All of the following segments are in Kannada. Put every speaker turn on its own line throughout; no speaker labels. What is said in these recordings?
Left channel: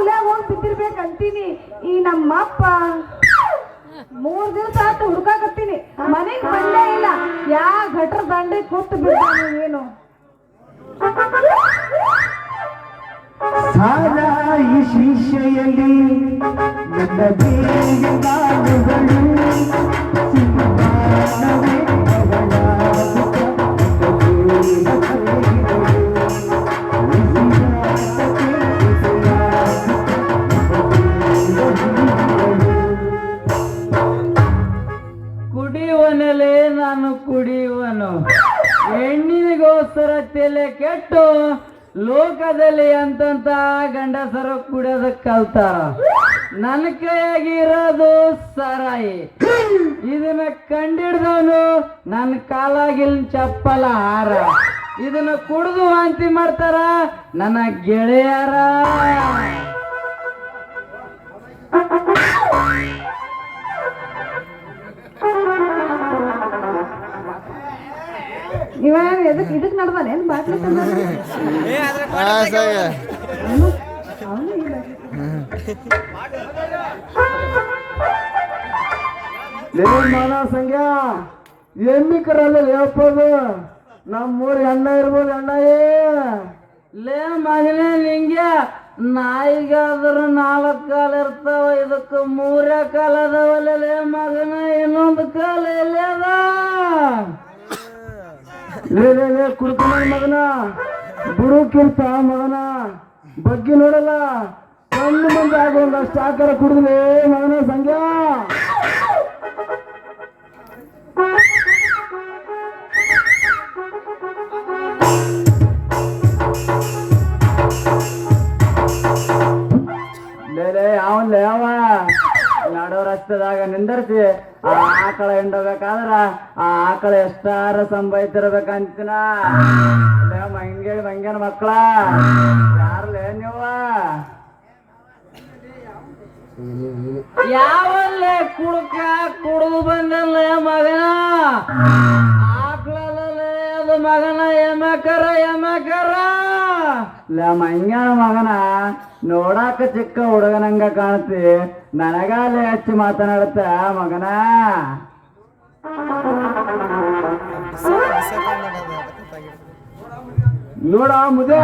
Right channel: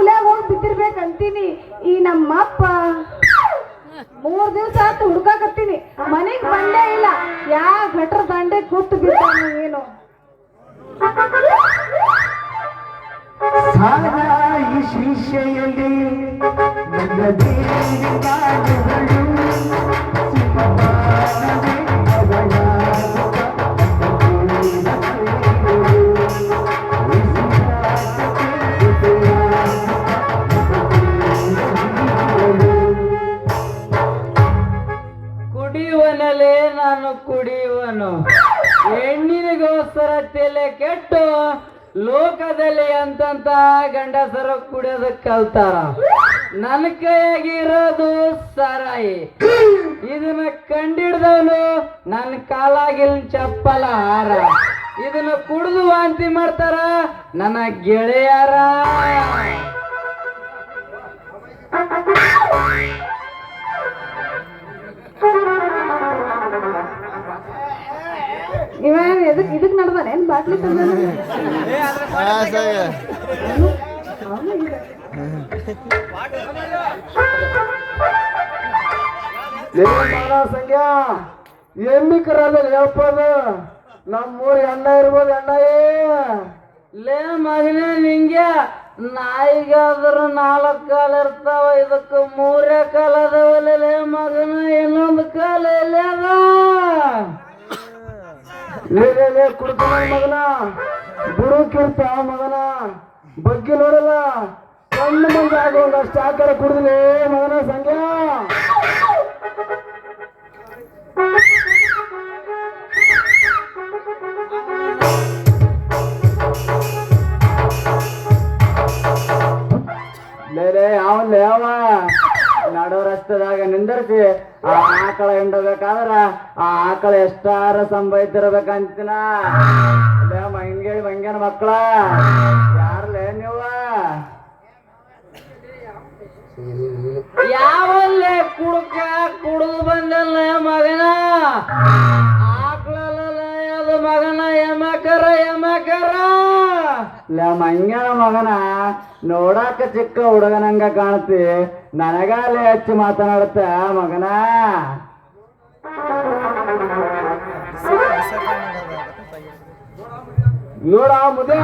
ಯಾವ ಮೂಲೆ ಹೋಗಿ ಬಿದ್ದಿರ್ಬೇಕಂತೀನಿ. ಈ ನಮ್ಮಪ್ಪ ಮೂರ್ ದಿವಸ ಆತು ಹುಡ್ಕಾಕತ್ತೀನಿ. ಮನೆಗ್ ಬಂದೇ ಇಲ್ಲ. ಯಾ ಗಟ್ರ ದಂಡೆ ಕೂತು ಬಿದ್ದ ಏನು?
ಈ ದೇಹ
ನಾನು ಕುಡಿಯುವನು. ಹೆಣ್ಣಿನಿಗೋಸ್ಕರ ತಲೆ ಕೆಟ್ಟು ಲೋಕದಲ್ಲಿ ಅಂತಂತ ಗಂಡಸರು ಕುಡಿಯೋದಕ್ಕೆ ಕಲ್ತಾರ ನನ್ನ ಕೈಯಾಗಿರೋದು ಸರಾಯಿ. ಇದನ್ನ ಕಂಡಿಡ್ದವನು ನನ್ನ ಕಾಲಾಗಿಲ್ ಚಪ್ಪಲ ಹಾರ. ಇದನ್ನ ಕುಡಿದು ವಾಂತಿ ಮಾಡ್ತಾರ ನನ್ನ ಗೆಳೆಯರ.
ಎದಕ್ ಇದಕ್ ನಡ್ದಾನೆ ಏನ್ ಬಾಟ್ಲಿ
ಮಾನ ಸಂಖ್ಯಾ ಎಮ್ಮಿ ಕರಲ್ಲ ಹೇಳಪ್ಪದ ನಮ್ಮೂರ್ ಎಣ್ಣ ಇರ್ಬೋದು ಎಣ್ಣ
ಲೇ ಮಗನೇ ನಿಂಗೆ ನಾಯಿಗಾದ್ರೂ ನಾಲ್ಕು ಕಾಲ ಇರ್ತಾವ ಇದಕ್ಕೆ ಮೂರೇ ಕಾಲ ಅದಾವಲ್ಲ ಲೇ ಮಗನ.
ಲೇ ಕುಡ್ತಾನ ಮಗನ. ಬಿಡು ಕಿರ್ತ ಮಗನ. ಬಗ್ಗೆ ನೋಡಲ್ಲ ಸಣ್ಣ ಮಂದಿ ಆಗುವಂಗಷ್ಟು ಆಕಾರ ಕುಡಿದ್ಲೆ ಮಗನ
ರಸ್ತೆದಾಗ ನಿಂದರ್ಸಿ, ಆ ಆಕಳ ಹಿಂಡೋಗ್ಬೇಕಾದ್ರ ಆ ಆಕಳ ಎಷ್ಟಾರ ಸಂಭವಿಸಿರ್ಬೇಕಂತಿನ ಮಂಗೇಳಿ ಮಂಗ್ಯನ ಮಕ್ಕಳ. ಯಾರ್ಲೇ ನೀವ ಯಾವಲ್ಲೇ ಕುಡುಕ ಕುಡು ಬಂದಲ್ಲ ಮಗನ? ಆಕಳಲ್ಲ ಅದು ಮಗನ? ಯಮಕರ ಯಮಕರ. ಮಂಗ್ಯನ ಮಗನ. ನೋಡಾಕ ಚಿಕ್ಕ ಹುಡುಗನಂಗ ಕಾಣತಿ ನನಗಾಲೆ ಹಚ್ಚಿ ಮಾತನಾಡುತ್ತ, ಮಗನ?
ನೋಡ ಮುದೆ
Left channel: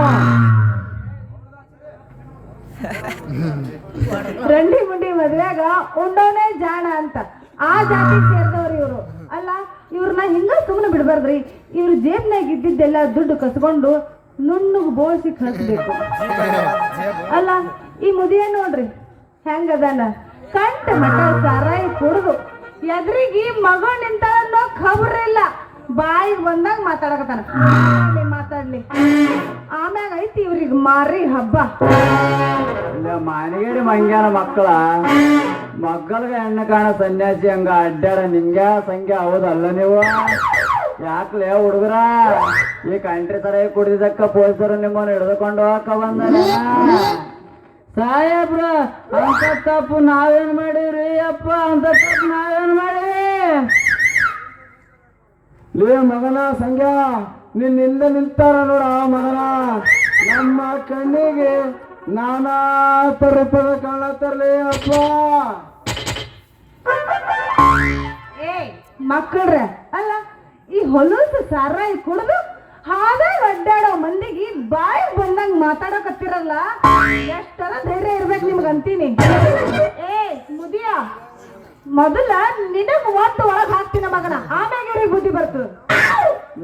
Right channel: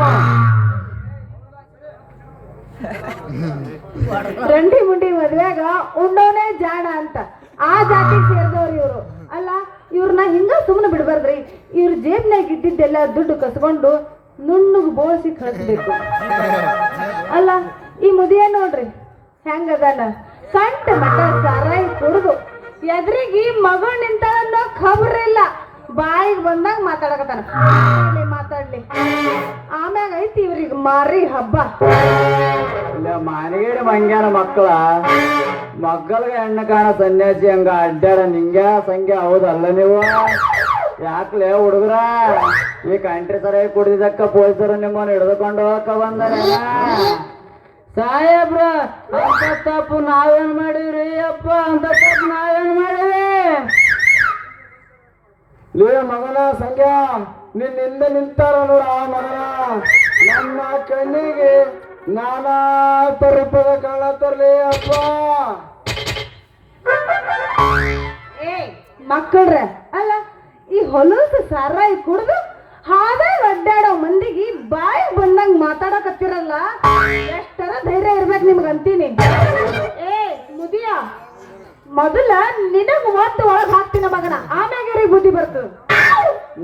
ರಂಡಿ ಮುಂಡಿ ಮದ್ವೆಗ ಉಣ್ಣೋನೇ ಜಾಣ ಅಂತ. ಆ ಜಾತಿ ಸೇರಿದವ್ರು ಇವರು. ಅಲ್ಲ, ಇವ್ರನ್ನ ಹಿಂಗ ಸುಮ್ಮನೆ ಬಿಡ್ಬಾರ್ದ್ರಿ. ಇವ್ರ ಜೇಬ್ನಾಗ ಇದ್ದಿದ್ದೆಲ್ಲ ದುಡ್ಡು ಕಸ್ಕೊಂಡು ನುಣ್ಣಗ್ ಬೋಸಿ ಕಳಿಸ್ಬೇಕು ಅಲ್ಲ, ಈ ಮುದಿಯ ನೋಡ್ರಿ, ಹೆಂಗದಾನ? ಕಂಟ ಮಟ್ಟ ಸಾರಾಯಿ ಕುಡಿದು ಎದ್ರಿಗೆ ಮಗಳು ನಿಂತ ಅನ್ನೋ ಖಬರ್ ಇಲ್ಲ. ಬಾಯಿಗೆ ಬಂದಾಗ ಮಾತಾಡಕತ್ತಾನ. ಮಾತಾಡ್ಲಿ. ಆಮ್ಯಾಗ ಐತಿ ಇವ್ರಿಗೆ ಮಾರಿ ಹಬ್ಬ.
ಮಾರಿಗೇಡಿ ಮಂಗ್ಯಾನ ಮಕ್ಕಳ. ಮಕ್ಕಳಿಗೆ ಹೆಣ್ಣು ಕಾಣ ಸನ್ಯಾಸಿ ಹಂಗ ಅಡ್ಡಾಡ ನಿಂಗ್ಯಾ ಸಂಖ್ಯೆ ಹೌದಲ್ಲ ನೀವು? ಯಾಕ್ಲೆ ಹುಡುಗರ? ಈ ಕಂಟ್ರಿ ತರ ಕುಡಿದಕ್ಕ ಪೊಲೀಸರು ನಿಮ್ಮನ್ನು ಹಿಡಿದುಕೊಂಡು ಹೋಗಕ್ಕ ಬಂದಾರೆ ಸಾಹೇಬ್ರ ಅಂತ ತಪ್ಪು ನಾವೇನ್ ಮಾಡಿವ್ರಿ? ಅಪ್ಪ ಅಂತ ತಪ್ಪು ನಾವೇನ್ ಮಾಡಿವಿ
ಲೇ ಮಗನ ಸಂಖ್ಯಾ ನಿನ್ನಿಂದ ನಿಂತಾರ ನೋಡ ಮಗನ. ನಮ್ಮ ಕಣ್ಣಿಗೆ ನಾನಾ ತರಿಪದ ಕಳ್ಳ ತರ್ಲಿ, ಅಪ್ಪ.
ಮಕ್ಕಳ್ರೆ, ಅಲ್ಲ ಈ ಹೊಲಸು ಸಾರಾಯಿ ಕುಡ್ದು ಹಾಗೆ ಅಡ್ಡಾಡೋ ಮಂದಿಗೆ ಬಾಯಿ ಬಂದಂಗ್ ಮಾತಾಡಕತ್ತಿರಲ್ಲ? ಎಷ್ಟರ ಧೈರ್ಯ ಇರ್ಬೇಕು ನಿಮ್ಗೆ ಅಂತೀನಿ. ಏ ಮುದಿಯ ಮೊದಲ ನಿನಗ್ ಒಂದು ಒಳಗ್ ಹಾಕ್ತೀನ ಮಗನ. ಆಮ್ಯಾಗ ರೀ ಬುದ್ಧಿ ಬರ್ತು.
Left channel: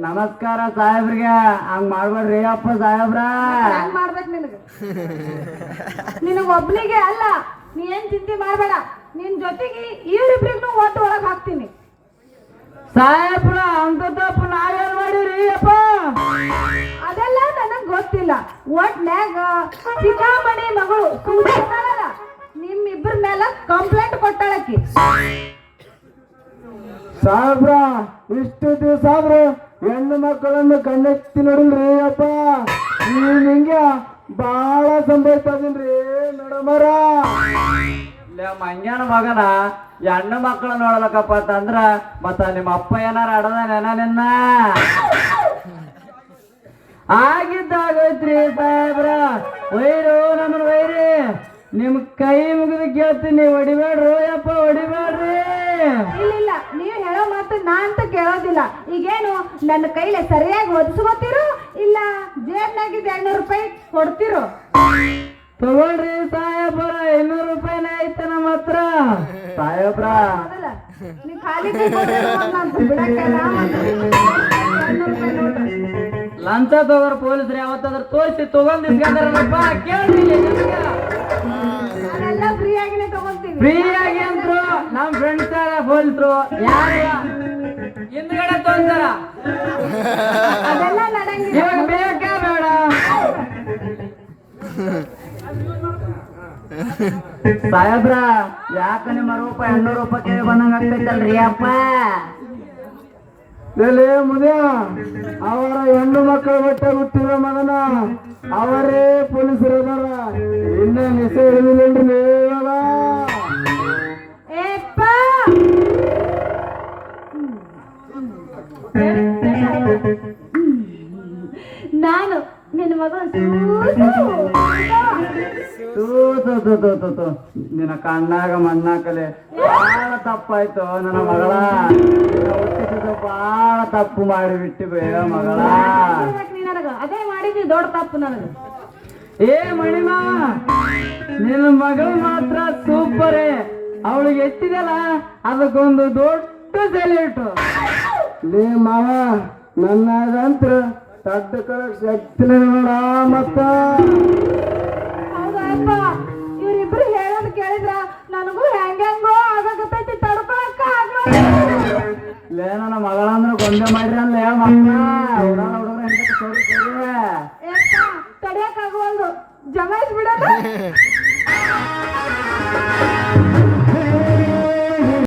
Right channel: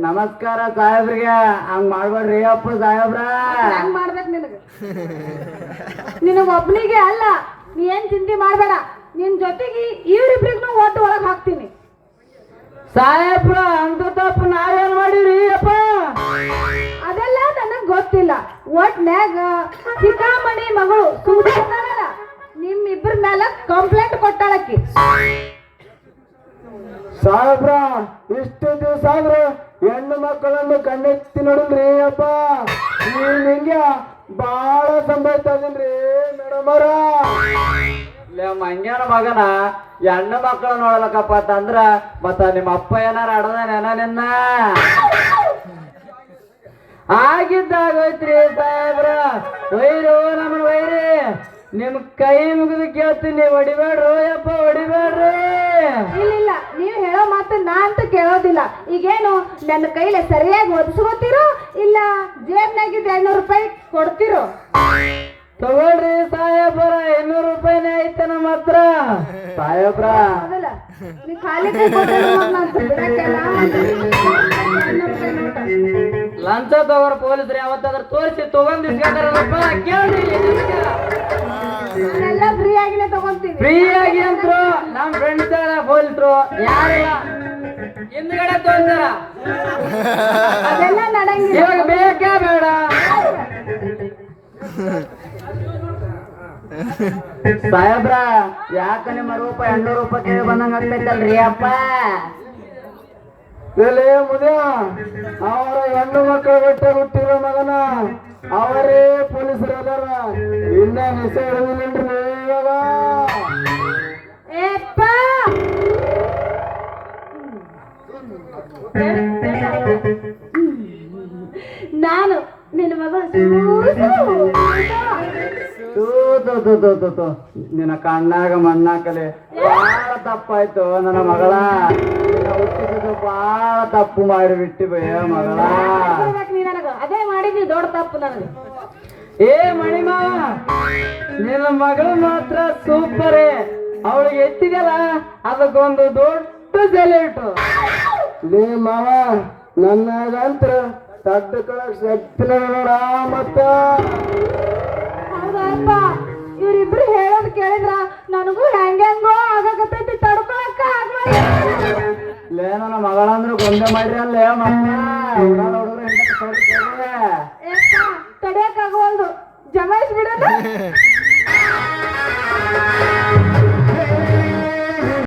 ನಮಸ್ಕಾರ ಸಾಹೇಬ್ರಿಗೆ. ಹಂಗ್ ಮಾಡ್ಬೇಡ್ರಿ ಅಪ್ಪ ಸಾಹೇಬ್ರ.
ಹಂಗ್ ಮಾಡ್ಬೇಕು ನಿನಗ. ನಿನಗ ಒಬ್ನಿಗೆ ಅಲ್ಲ ನೀ ಏನ್ ಚಿಂತೆ ಮಾಡ್ಬೇಡ. ನಿನ್ ಜೊತೆಗೆ ಇವ್ರಿಬ್ರಿಗೂ ಒಟ್ಟು ಒಳಗ್ ಹಾಕ್ತೀನಿ.
ಸಾಹೇಬ್ರ ಅಂತ ತಪ್ಪು ನಾವೇನ್ ಮಾಡಿವ್ರಿ ಅಪ್ಪ?
ಅದೆಲ್ಲ ನನಗ್ ಗೊತ್ತಿಲ್ಲ. ಒಟ್ನ್ಯಾಗ ಚಿಕಾಮಣಿ ಮಗಳು ಸುಮ್ಮನೆ ನಿಮ್ಮಿಬ್ಬರ ಮೇಲೆ ಕಂಪ್ಲೇಂಟ್ ಕೊಟ್ಟಾಳಕ್ಕಿ
ಸಾಹೇಬ್ರ ಇಷ್ಟು ದಿವಸ ಆದ್ರ ಹೆಣ್ಣು ಮಕ್ಕಳನ್ನು ಕಣ್ಣೆತ್ತಿ ನೋಡಿಲ್ರಿ ಅಪ್ಪ. ಈ ಹಿಂಗೆ ಬಾಳ ಸಂಭಾಯ್ತಾ ಇದೀನ್ರಿ ಮೇಡಮ್
ಲೇ ಮಂಗ್ಯಾನ ಮಗನ ಹೆಣ್ಣು ಮಕ್ಕಳ ನೋಡ್ಲಕ್ಕಪ್ಪ ಅಂತಂದ್ರ ಮತ್ತ ನಿಮ್ಮ ಅಪ್ಪ ಏನಾರ ಅಡದ ನೆನ ನಿನ್ನ? ಆಗಿದ್ದಾಗೋಯ್ತ್ರಿ ಸಾಹೇಬ್ರ. ವೈರು ನಮ್ಮ ವೈರಿ ನಿಮ್ ಕೈ ಮುಗಿದು ಕೇಳ್ತೀನಿ ಹೊಡಿಬೇಡ್ರಿ ಓಯಪ್ಪ ಹೊಡಿಬೇಡ್ರಿ.
ಇಲ್ಲ ನೀವು ಹೇಳೋ ಮಾತು ನಾ ಅಂತ ಕೇಳೋದಿಲ್ಲ. ಈಗೇನು ನನ್ನ ಕೈಲಿ ಸರಿಯಾಗಿ ಒದಿಸ್ಕೋತಿರೋ ಇಲ್ಲ ಜೇಬ್ನಾಗಿದ್ದ ಐನೂರು ರೂಪಾಯಿ ಕೊಡ್ತಿರೋ?
ತಗೊಳ್ರಿ ಸಾಹೇಬ್ರ ಐನೂರು ರೂಪಾಯಿ ಸಾಹೇಬ್ರ
ನೀ ಖಾಲಿ ಕೈ ಕೊಟ್ಟಿರೋ ಮತ್ತ್ ನಾನ್ ಬಿಡಕ್ಕೆಲ್ಲ. ಐನೂರು
ಲಂಚ ತಗೋರ್ ಪೊಲೀಸ್ರು ಯಾವತ್ತಾದ್ರೂ ತೋರಿಸಿ ತಗೊಂಡ್ ಇಸ್ಕೊಂತಾರಲ್ಲಪ್ಪ ಕೇಳ್ರಿ
ಫ್ರೀ ಆಗಿನೇ ತಗೊಂತೀನಿ.
ಫ್ರೀ ಆಗಿ ಅಂದ್ರು ನಮ್ ಫ್ರೆಂಡ್ಸ್ ಪೊಲೀಸ್ರು. ಯಾರ? ಹಿಂದ್ಗಡೆ ತೋರ್ತಾರ
ಅದೆಲ್ಲ ನಡಂಗಿಲ್ಲ
ಇವಾಗ ಬೇಕಾ ಬೇಡ. ಸಾಹೇಬ್ರ ಯಾಕ ನಿಮ್ಮ ರೂಪ ಎಣ್ಣೂರು ರೂಪಾಯಿ ಕೇಳಿ ಬಂದಂಗ ಆಗ್ತೈತಲ್ರಿ ಅಪ್ಪ.
ಎಲೆ ಅವರ ಹೆಣ್ಣು ಮಕ್ಕಳ ಬಟ್ಟೆ ಹುಟ್ಟಿರೋ ಮಗನ ಅವರೇ ಪೊಲೀಸರು ಅದಾರ. ಇನ್ನ ನಿಸ ಹಿಡಿದಿಲ್ರಿ ಇವಾಗ
ನಾನು ನಿನ್ನ ಮಗ
ತೂ ತೂ ತೂ ತೂ ತೂ ತೂ ನಿನ್ನ ಕಣ್ಣಾಗ ಮಣ್ಣಾಕಲೆ. ಬಹಳ ತಪ್ಪಾಯ್ತು ನನ್ನ ಮಗಳ. ನಿನ್ನ ಹುಟ್ಟಿದ್ದು ಬಹಳ ತಪ್ಪು ಮಾಡಿಬಿಟ್ಟು ಬಯ್ಯ ಮಗಳ.
ಅದೇ ಮಾಡಿದ್ವಿ ದೊಡ್ಡ ತಪ್ಪು ನನಗೆ.
ಏ ಮಣಿಮಾ ನಿನ್ನ ಮಗಳು ಮಾತ್ರ ಸೂಪರೇ ಅವಳಿಗೆ ಎತ್ತಿದೆಯಲ್ಲ ಅದಕ್ಕೊಂದು ದೊಡ್ಡ ಸೆಲೆಟು
ಲೇ ಮಾವ ನನ್ನಾಗಂತ್ರ ತಡ್ಕೊಳಕ್ ಶಕ್ತಿ ನೋಡ ಮತ್ತ.
ಹೌದಪ್ಪ ಇವ್ರಿಬ್ರು ಹೇಳೋದು ಕೇಳಿದ್ರ ನನಗೂ ಹೆಂಗೆಂಗೋ ಆಗಕತ್ತೈತಿ ತಡ್ಕೊಳಕ್ಕ ಆಗ್ಲೋ
ಲೇ ನನ್ನ ಮಗಳಂದ್ರೆ ಗೊಂದೆ ಮಾಡ್ರಿ ಅಲ್ಲೇ ಮಕ್ಕಳ